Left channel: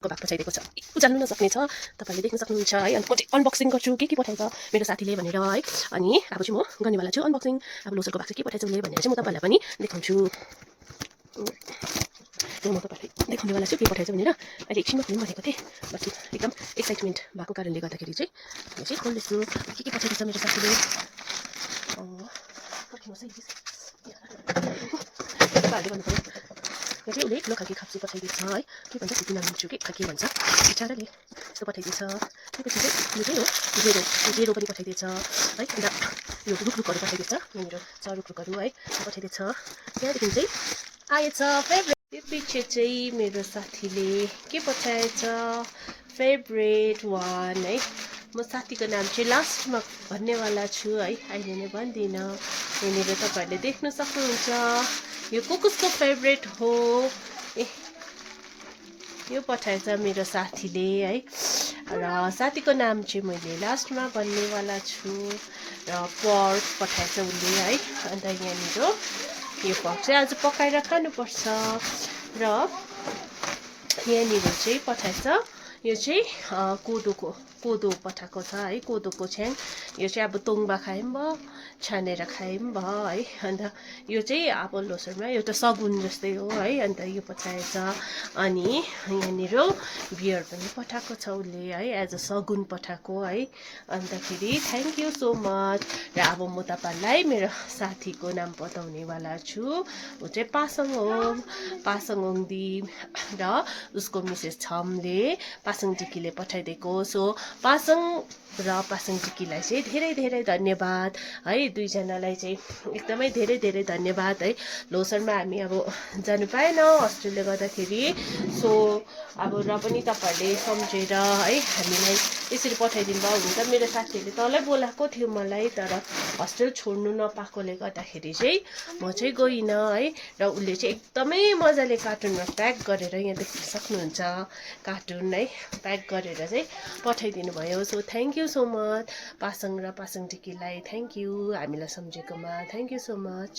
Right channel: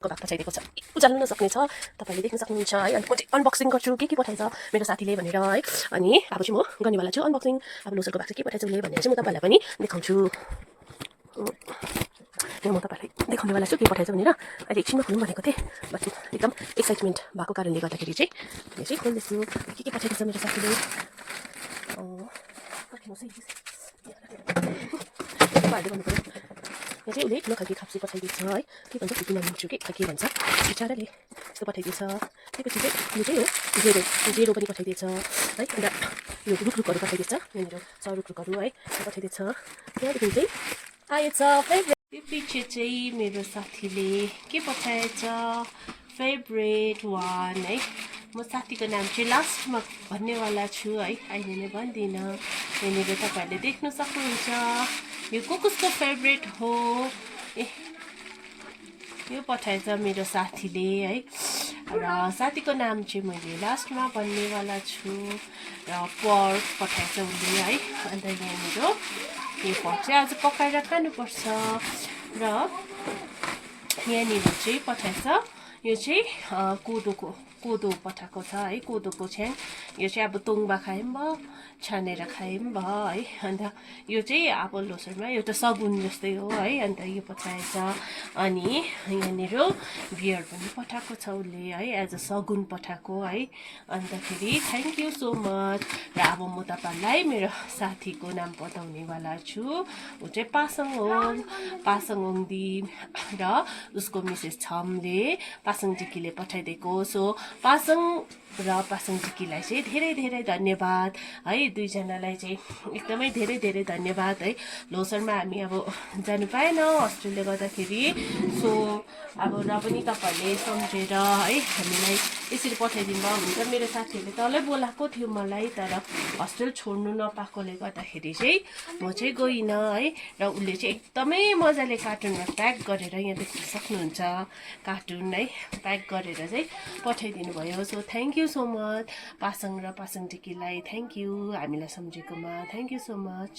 को भाग पठाइदिएको छ जान्नु नसक्ने छ तपाईले देख्न सक्नुहुन्छ है अनि म चाहिँ अनबक्सिङ गर्छु के पठाएछ मेरो साथीले भनेर है अनि अब चाहिँ म गर्नेवाला छु अनबक्सिङ अब लोसरको भाग चाहिँ के पठाएछ उसले भनेर चाहिँ म तपाईलाई पनि देखाउँछु म तपाईलाई देखाउनेवाला छु के पठाएछ भनेर अहिले एकछिनमा खोलौँ भनेको थिएँ बट एकदम एक्साइटमेन्ट भएको कारणले गर्दाखेरि चाहिँ यो चाहिँ खोल्दैछु के पठाइदिएछ मेरो साथीले यो चाहिँ उसले ठुलो खालको खाप्सी पठाइदिएछ है के भन्छ फिफ्टी नाइन्टी के के भन्छ बिचराले यस्तो पठाइदिएछ त्यसपछि चाहिँ यो चाहिँ हो जेरो पनि पठाइदिएछ है अन्त यो रुखरुखहरू पठाइदिएछ यहाँनिर छ रुखरुखहरू है पठाइदिएछ त्यहाँदेखि चाहिँ आएछ फेभरेट त्यो पछि चाहिँ मेरो साथीले के पठाएछ फेभरेट वान है म साथीको नाम चाहिँ लास्टमा भन्नेवाला छु है अहिले नै भन्दिनँ यहाँनिर तपाईँहरूले देख्न सक्नुहुन्छ यो कसको फेभरेट हो ए यो पठाएछ मेरो साथीले है र साथीको नाम चाहिँ मैले लास्टमा भन्नेवाला छु र पर्क पठाएछ उसले है अन्त यहाँनिर यो पर्क चाहिँ आज पकाएर खानुपर्छ र यहाँनिर चाहिँ पठाएछ यो चाहिँ कोदो पठाएको छ है कोदोको छ्याङ यो चाहिँ अब तोङ्बा खाए पनि भयो छानेर खाए पनि भयो है अन्त यो चाहिँ अब लोसरमा एउटा सगुन जस्तै हो है अन्त यो पठाएछ अनि यहाँनिर बियर पनि पठाएको छ उसले है एज अ सगुन पठाएको है अन्तखेरि थ्याङ्क यू सो मच र अब म तपाईँलाई मेरो साथीको नाम बताउनेवाला छु ऊ चाहिँ पासाङ ओङदी र उसको मिसेस छमले पासाङ टिकीले पठाइदिएको सो पासाङ र पासाङ टिकीलाई चाहिँ धेरै धेरै धन्यवाद है दुईजनालाई चाहिँ एकदमै धेरै धेरै धन्यवाद है लोसरमा हामी अब जानु पाएनौँ हस्टेलले गर्दाखेरि सो अब र पनि तपाईँहरूले सम्झेर है हामीलाई यसरी पठाइदिनु भयो हुन त मेरो साथीहरूले तलै बोलाएको थियो मलाई तर हस्टेल छोड्नु नपाएकोले गर्दाखेरि चाहिँ म चाहिँ गइनँ है र उसले चाहिँ एकदमै मजाले कार्टुनमा प्याक गरेर यहाँ देख्न सक्नुहुन्छ कार्टुन है प्याक गरेर चाहिँ पठाइदिनु भयो so thank you so much Pasang र पासाङ टिकीलाई थ्याङ्क यू हामीलाई सम्झेकोमा थ्याङ्क यू सो मच